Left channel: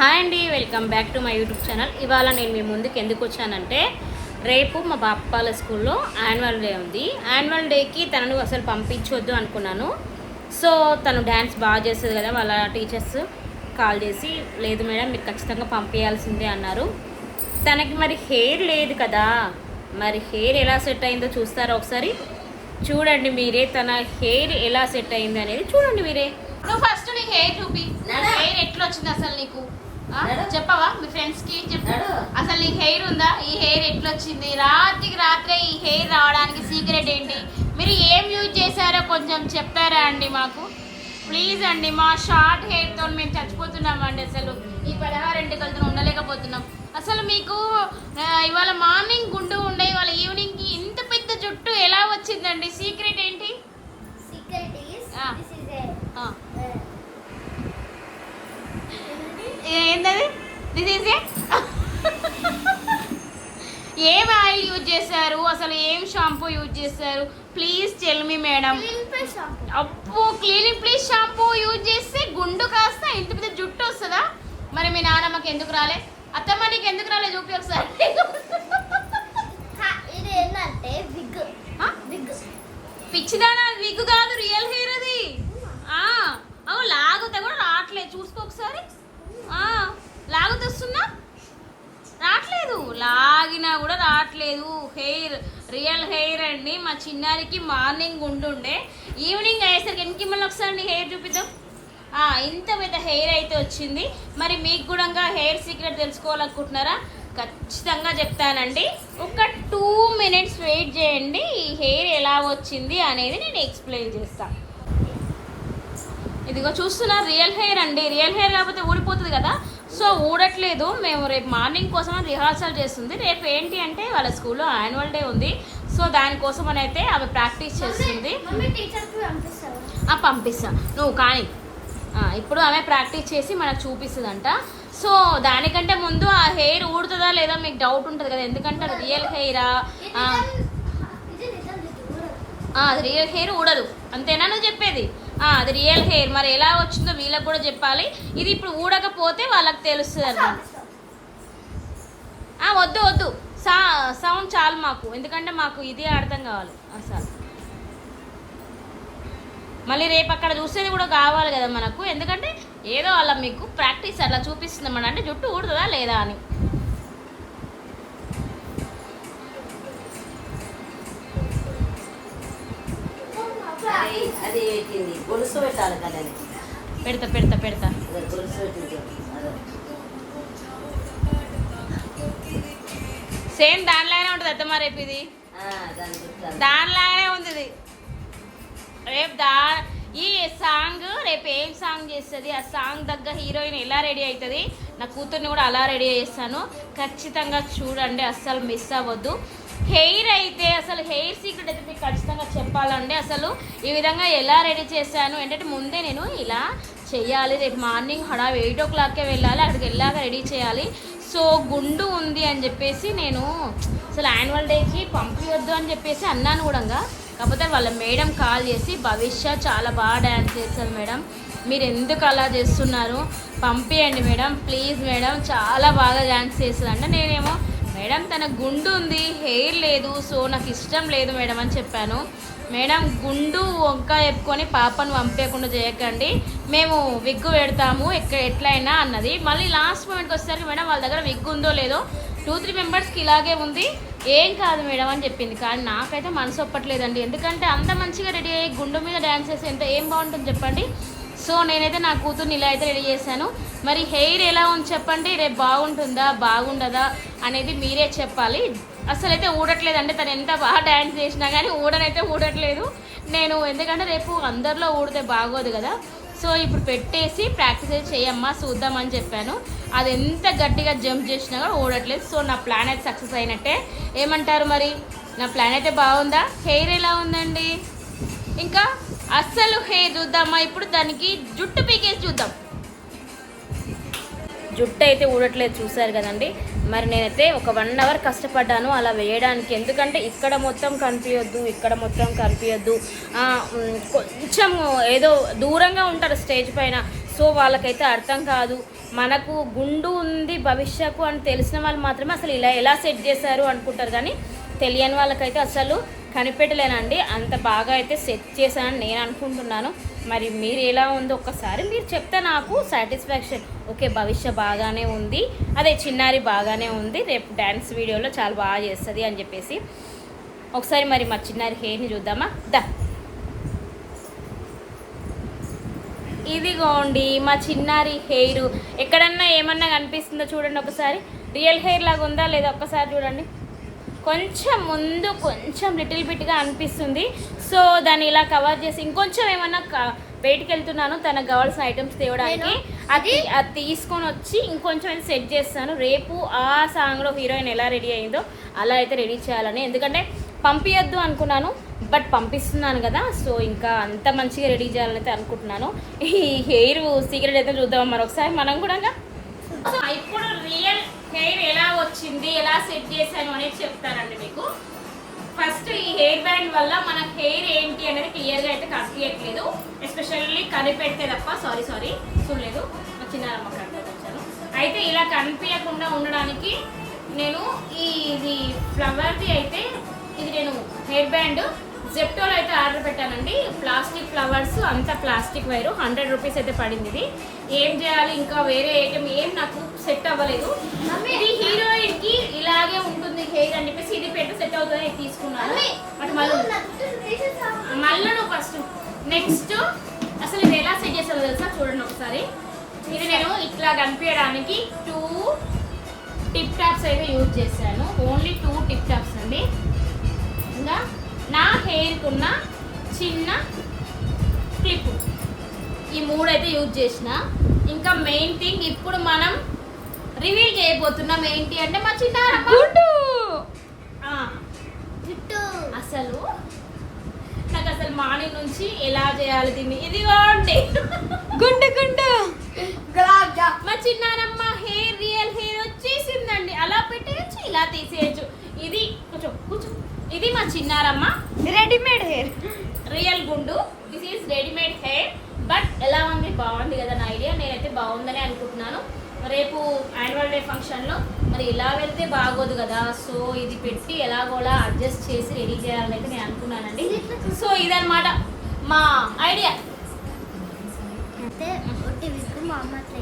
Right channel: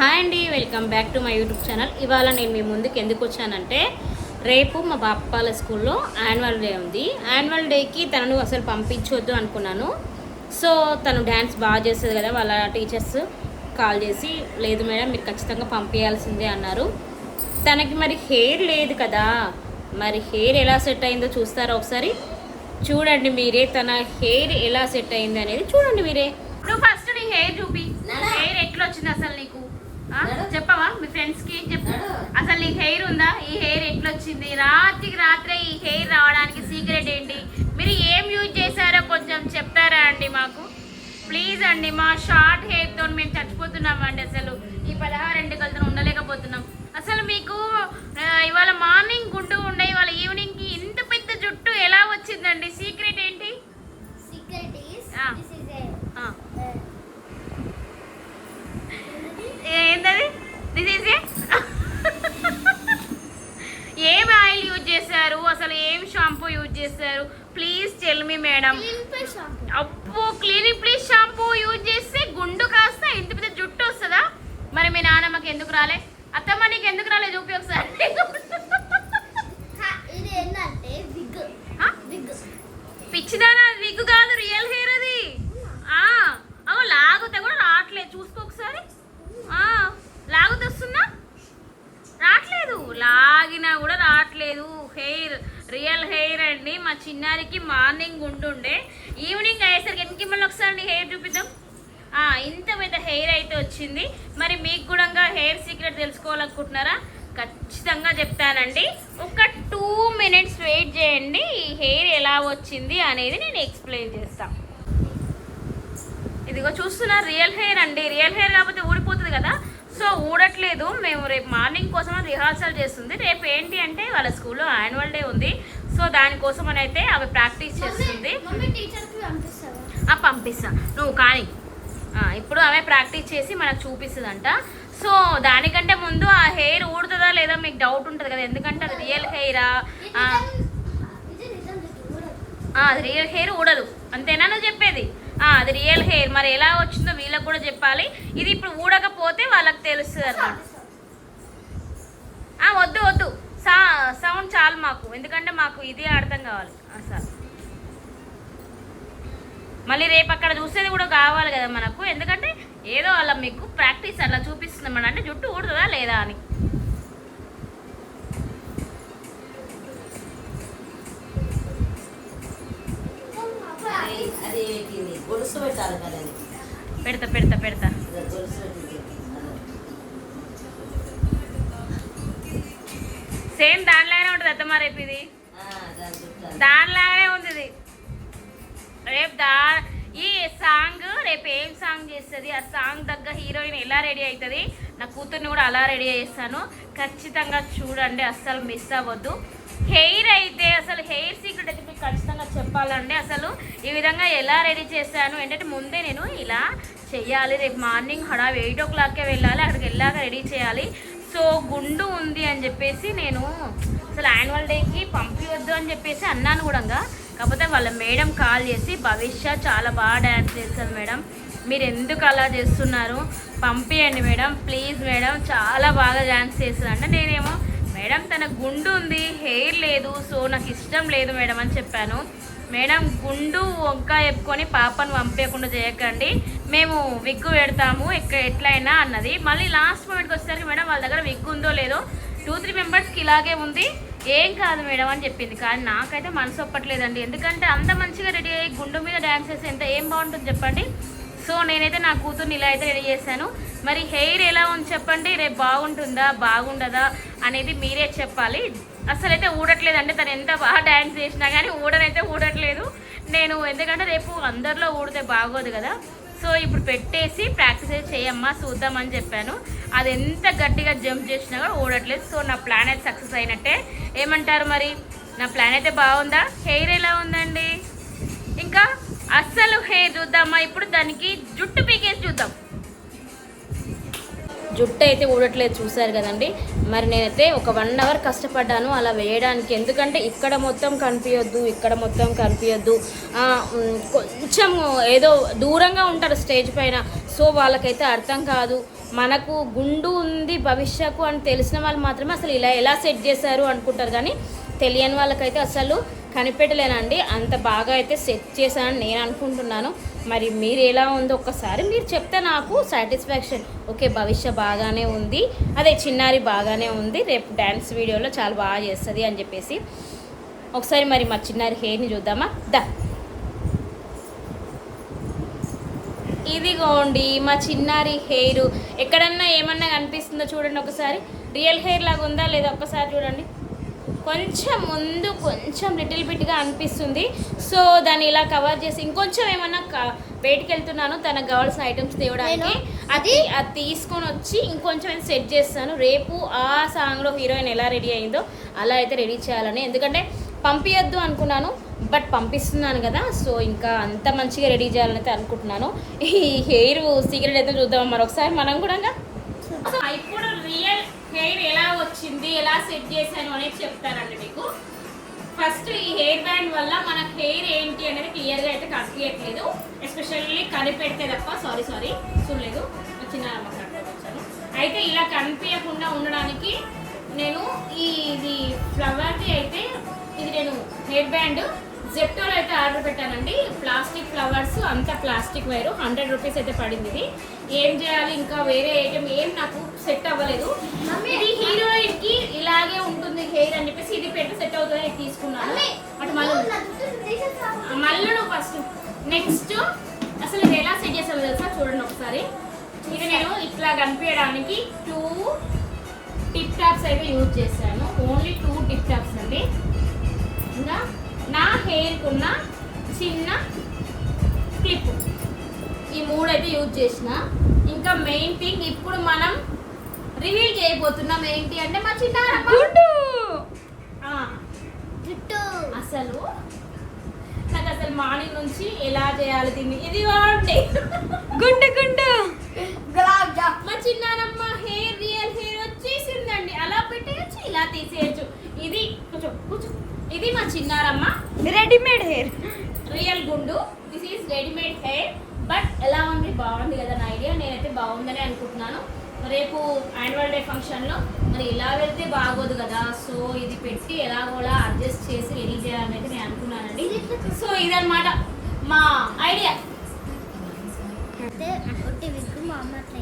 Hi అండి, welcome back to my YouTube channel. ఇవాళ నేను మీ ముందుకు ఎందుకు వచ్చానంటే, రేపు మా బాప్పాల స్కూల్లో యాన్యువల్ డే ఉంది. యాన్యువల్ డేకి తనను అసలు పంపించవద్దు అనుకున్నాను. సో తను డ్యాన్స్ బాగా చేస్తుంది కదా, వాళ్ళ టీచర్స్ కాల్ చేసి లేదు మేడం మీరు ఖచ్చితంగా పంపించాల్సిందే అన్నారు. తనకి మరి హెయిర్ లేదు కదా, మరి హెయిర్ ఎలా సెట్ అయిందో చూస్తారా ఒకసారి? చూడండి మీరే, తన హెయిర్ ఎలా సెట్ అయింది అనేది చూడండి మీరే. నువ్వు ఫస్ట్ నీ హెయిర్ చూపి, హెయిర్ ఎట్లా వచ్చింది అసలు నీకు చెప్పవా? మీ ఫ్రెండ్స్ కి చెప్పు, అసలు నీకు హెయిర్ ఉందా? ఈ హెయిర్ ఎట్లా వచ్చింది? రాత్రికి రాత్రే ఈ హెయిర్ రావడానికి సీక్రెట్ ఏంటి? మీరు ఏం యూజ్ చేశారో కొంచెం చెప్తారా అండి మాకు ప్లీజ్ అండి. మా షార్ట్ హెయిర్ తో మేము చచ్చిపోతున్నాం అండి, అసలు ఈ 16 ఎంటికలతో ఉండలేకపోతున్నాం. అసలు మీకు ఇవాళ మార్నింగ్ గుండు ఉండే, ఇవాళ ఈవినింగ్ కి ఇంత పెద్ద జుట్టు ఎలా వచ్చిందండి? సీక్రెట్ ఏంటి? Secret is this is a ఏంటది? దిస్ ఈజ్ ఏం ఆయిల్ యూజ్ చేశారు, అసలు ఏం షాంపూ యూజ్ చేశారు? Please tell me madam. clean face shampoo. అప్పు క్లీనింగ్ ప్లీజ్ షాంపూ యూజ్ చేస్తే గుండు కాస్త ఇంత పెద్ద జుట్టు వస్తుందా? మరి మీ నాన్నమ్మకి ఎందుకు రాలే? అత్తమ్మ నీకు ఎందుకు రాలే చూపి ఒకసారి. ఇది ఏంటంటే wig. పిచ్చిదానా, విగ్ కాదు, రియల్ హెయిర్ అది. అవు లాగుతా కూడా రావట్లేదు, చూసుకో ఒకసారి. లాగుతా వస్తుందా? రావట్లేదు, లాగినా కూడా రావట్లేదు. హెయిర్ రియల్ హెయిర్ అండి. మా చిన్నారికి మార్నింగ్ ఉంటుండే, ఈవినింగ్ అయ్యేసరికి ఇంక మళ్ళీ ఒకసారి హెయిర్ చూపిద్దాం. ఇంత పెద్ద హెయిర్ అయితే వచ్చింది. మరి మీకు కూడా హెయిర్ సీక్రెట్ తెలుసుకోవాలనుకుంటున్నారా? ఖచ్చితంగా చెప్తానండి. ఒక 2 minutes వెయిట్ చేయండి, ఈ హెయిర్ ఎలా వచ్చింది అనేది నేను ఎక్స్ప్లెయిన్ చేస్తాను. ఇదిగో చూస్తున్నారు, రియల్ హెయిర్ అండి. రియల్ హెయిర్ కాకపోతే ఊడిపోతుంది కదా, సో ఊడట్లేదు. మేము రేపు మార్నింగ్ కోసం రిహార్సల్ చేస్తుంది. రేపు ఏంటి అంటే వాళ్ళ స్కూల్లో యాన్యువల్ డే ఉంది, సో దానికోసం అని అయితే అవి ప్రాక్టీస్ చేస్తుంది. పంపిస్తా నువ్వు కానీ. ఇప్పుడు ఆమె ప్రాక్టీస్ చేసి మనకు చూపిస్తుందంట. సో దానికంటే ముందు ఆ హెయిర్ ఊడుతుందా లేదా మీకు డౌట్ ఉంటుంది కదా, ఎందుకంటే అది రియల్ హెయిరా? అది రియల్ హెయిర్ ఊడదు, అంతేనా నువ్వు చెప్పేది? అది రియల్ హెయిర్. మరి ఎలా వచ్చిందో వీళ్ళకి కూడా చెప్పాలి. ఇది ఇప్పుడు ఊడకపోతే వాళ్ళకి తెలుస్తుంది అన్నమాట. వద్దు వద్దు, సౌండ్ చాలు మాకు, ఎందుకంటే మాకు ఇది అర్థం కావాలి అసలు. మళ్ళీ రేపు అక్కడ చూసేది కూడా కావాలి కదా మనకు, ఎందుకంటే ఏదో అలా మీకు ప్రాక్టీస్ అలా చూపిస్తుందన్నమాట, అంటే జుట్టు ఊడుతుందా లేదా అని. అది గొలుసు పెట్టాలి కదా, పెడతా పెడతా పెడతా. గొలుసు సేమ్ దానిలానే ఉంటుంది అత్తమ్మ. రేపు ఇది దానిలానే ఉంది ఇది. రేపు ఈ సాంగ్ రేపు ఏం సాంగ్ చేస్తుంది, ఆ సాంగ్ దగ్గర హీరోయిన్ ఎలా రెడీ అవుతుంది, నా కూతుర్ని కూడా అలా రెడీ చేస్తాను. ఖచ్చితంగా చూడండి, అస్సలు మిస్ అవ్వద్దు. హెయిర్ అయితే అసలు హెయిర్ సీక్రెట్ అయితే మీకు ఖచ్చితంగా చెప్పాలండి. అసలు ఈ విధంగా ఎలా రెడీ చేశాను ఏంటంటే, ముందే నేను ఇలా చెయ్యాలి. రేపు మార్నింగ్ 8 o'clockకే వెళ్ళాలి, అక్కడికి వెళ్ళాక రెడీ చేయాలి. సో గుండు ఉంది అని చెప్పేసి నేను అసలు యాన్యువల్ డేకి పంపించొద్దు అని చెప్పేసి అన్నాను కూడా. కాకపోతే వాళ్ళ మేడం కాల్ చేసి, భవిష్య చాలా బాగా డ్యాన్స్ చేస్తుంది మేడం, మీరు ఎందుకు అలా చేస్తున్నారు, పంపించండి మేడం ప్లీజ్ మేడం, చాలా బాగా డ్యాన్స్ చేస్తుంది అంటే, నేనేమో మేడం తన గుండు ఉంది హెయిర్ లేదు, సో నాకు ఇష్టం లేదు మేడం అని చెప్పాను. మేడం గుండు వంక చెప్పుకొని పాపను పంపేయకుండా చేయకండి, మేము విగ్గు పెడతాము ఎట్లయినా అన్నది. మళ్ళీ లాస్ట్ మూమెంట్కి వచ్చేసరికి మేడం వాళ్ళ దగ్గర విగ్గు ఉందో లేదో 2-3 మెంబర్స్కి ఇలాగే ఉంది, ఏం కాదు మేడం అని చెప్పింది. కానీ నాకైతే మనసు ఒప్పట్లేదండి, ఎందుకంటే అంత మంచిగా రెడీ అయ్యి గుండు మీద డ్యాన్స్ చేసి ఎంత ఏం బాగుంటుంది చెప్పండి. సో నేనైతే నా కూతుర్ని ఇలా అయితే రెడీ చేశాను. మరి హెయిర్ ఎలా ఉంది చెప్పండి, రేపు బాగుంటుందా బాగుండదా అనేది మీరే చెప్పాలి. అసలు అయితే ఊడట్లేదండి, తను ఎంత బాగా డ్యాన్స్ చేసినా కానీ ఊడనైతే ఊడట్లేదు నేను, ఎందుకంటే రేపు అందరిలో ఊడితే బాగోదు కదా. సో ఇప్పుడు పెట్టేసి ప్రాక్టీస్ అయితే చేయమ్మా చూద్దామని చెప్పాను. అది ఎంత గట్టిగా జంప్ చేసినా కూడా ఊడట్లేదు. సో నా ప్లాన్ అయితే సక్సెస్ అయినట్టే. ఏమంటారు మరి, నా ప్లాన్ అయితే బాగుందా? హెయిర్ ఎలా ఉందండి? ఇంకా అస్సలు హెయిర్ చూద్దామా? ఇప్పుడు దానికి జుట్టు పీకేసి చూద్దాం. జుట్టు అయితే ఊడట్లేదు చూసారు కదండి. మరి నేనైతే ఒక 1 hour కష్టపడ్డాను అలా వేయడానికి, ఎందుకంటే ఇక్కడ మొత్తం కనిపించొద్దు, ఇక్కడ మొత్తం కనిపించొద్దు, కొంచెం ఏదో దూరంగా ఉంటారు స్టేజ్ పైన, సో వాళ్ళకైతే అర్థం కాదు. మనకు గుండు ఉంది భవిష్యకు అని తెలిసిన వాళ్ళు మాత్రమే అసలు ఇలా ఎలా సెట్ చేశారు అనుకుంటారు, కానీ తెలియని వాళ్ళకైతే అసలు కనిపెట్టలేనండి. అంత బాగా అయితే సెట్ చేశానని నేను అనుకుంటున్నాను. మరి మీరు ఎలా ఉందో ఒక్కసారి మీరు చెప్తే నాకు సాటిస్ఫాక్షన్. ఓకే, భవిష్య బాగానే ఉంది, అదే చిన్నారి బాగానే ఉంది, రేపు డ్యాన్స్ వీడియోలో చాలా బాగా చేస్తుంది అని చెప్పేసి. ఒకసారి మరి మా చిన్నారి హెయిర్ని చూద్దామా? దా, ఇదిగోండి మా చిన్నారి హెయిర్. ఎక్కడన్నా ఏమన్నా కనిపిస్తుందో చూడండి ఒకసారి. రియల్ హెయిర్ లాగా ఉందా లేదా ఒక్కసారి చూడండి. కొంచెం ముందు కొంచెం లిటిల్ బిట్గా అనిపిస్తుంది. సో దాన్ని ఇలా కవర్ చేసి ఇంకొంచెం ఏమన్నా బయటికి వెళ్తున్నాను తనకు కావాల్సిన ఐటమ్స్ తేవడానికి. అది తీసుకొని వచ్చి ఇంకొంచెం సెట్ చేస్తాను. రేపు ఆ సాంగ్లో హీరోయిన్ ఎలా రెడీ అయిందో అలా అయితే రెడీ చేయాలని, ఎందుకంటే పంపించద్దు అనుకున్నాను బట్ పంపిస్తున్నాను కదా, సో ఇంకా అంత మంచిగా రెడీ చేయాలని అయితే అనుకుంటున్నాను. ఈ హెయిర్ సీక్రెట్ అయితే చూద్దాం మరొకసారి మనం కూడా. ఇప్పుడు రియల్ హెయిర్ ఎలా వచ్చింది, ఎలా సెట్ చేశాను అనేది చెప్తానండి మీకు. ఫస్ట్ ఈ హెయిర్ బ్యాండ్ వల్ల మన హెయిర్ ఏంటి అనేది క్లియర్గా అయితే కనిపించట్లేదు, ఎస్పెషల్లీ కనిపెడితే తప్ప. సారీ చూడలేదు, చిన్నారమ్మ కనిపించాను. అయితే ఇలా కనిపించకుండా ఉండడానికి నేను ఇది ఫ్లవర్ది అయితే ఇది నేను హెయిర్ బ్యాండ్ జెప్టోలో అయితే ఆర్డర్ పెట్టానండి. ప్లాస్టిక్ ఫ్లవర్స్, అంతా ప్లాస్టిక్ వైరు, 100 రూపీస్ అయితే పడింది. ఇది ఏం చేయాలి, ఇంకా వేరే ఐటమ్ ఏం నాకు సెట్ అవ్వలేదు. ఇది హీరోయిన్కి ఇలాగే ఉంటుంది హెయిర్ అని చెప్పేసి ఇది పెట్టి సెట్ అవుతుంది తీసుకున్నాను. బట్ మళ్ళీ ఫస్ట్ నెక్స్ట్ అసలు ఇది ఎలా సెట్ చేసామో తెలుసా, చూడండి ఒకసారి. ఇది నేను ఇట్లా కనిపించడానికి 2 టిప్ టాప్స్ అయితే యూజ్ చేశాను. ఓన్లీ 2 టిప్ టాప్స్ అండి. ఇంకా నా హెయిర్కి ఉన్న చిన్న క్లిప్, ఈ 3 అయితే యూజ్ చేసిన. ఇంకా మెయిన్ థింగ్ ఇప్పుడు మనం రివీల్ చేయబోతున్నాం ఏంటి అంటే మా చిన్నారమ్మ అసలు నాకు అసలు మార్నింగ్ నుంచి ఎలా చేయాలి దీన్ని. ఇదిగోండి గుండు మా చిన్నారమ్మ హెయిర్ రియల్ హెయిర్ వచ్చేసిందండి. అలా పెట్టేయచ్చు, ఇలా తీసేయచ్చు. ఇది కూర్చో, ఇది మా చిన్నారమ్మ రెడీమేడ్ హెయిర్, రియల్ గుండు. This is readymade hair. But ఎలా ఉంది, బాగుంది కదా నా ఐడియా. నేనైతే బాగుందని అనుకుంటున్నాను. రేపు యాన్యువల్ డే ఫంక్షన్లో మరి ఇలా వెళ్తే బాగోదు కదా, సో ఇది పెట్టి ఎలాగోలా అడ్జస్ట్ చేసి రెడీ చేయాలని అయితే నేను అనుకున్నానండి. సో ఇదన్నమాట మా ఐడియా. అయితే మా అమ్మ అట్లా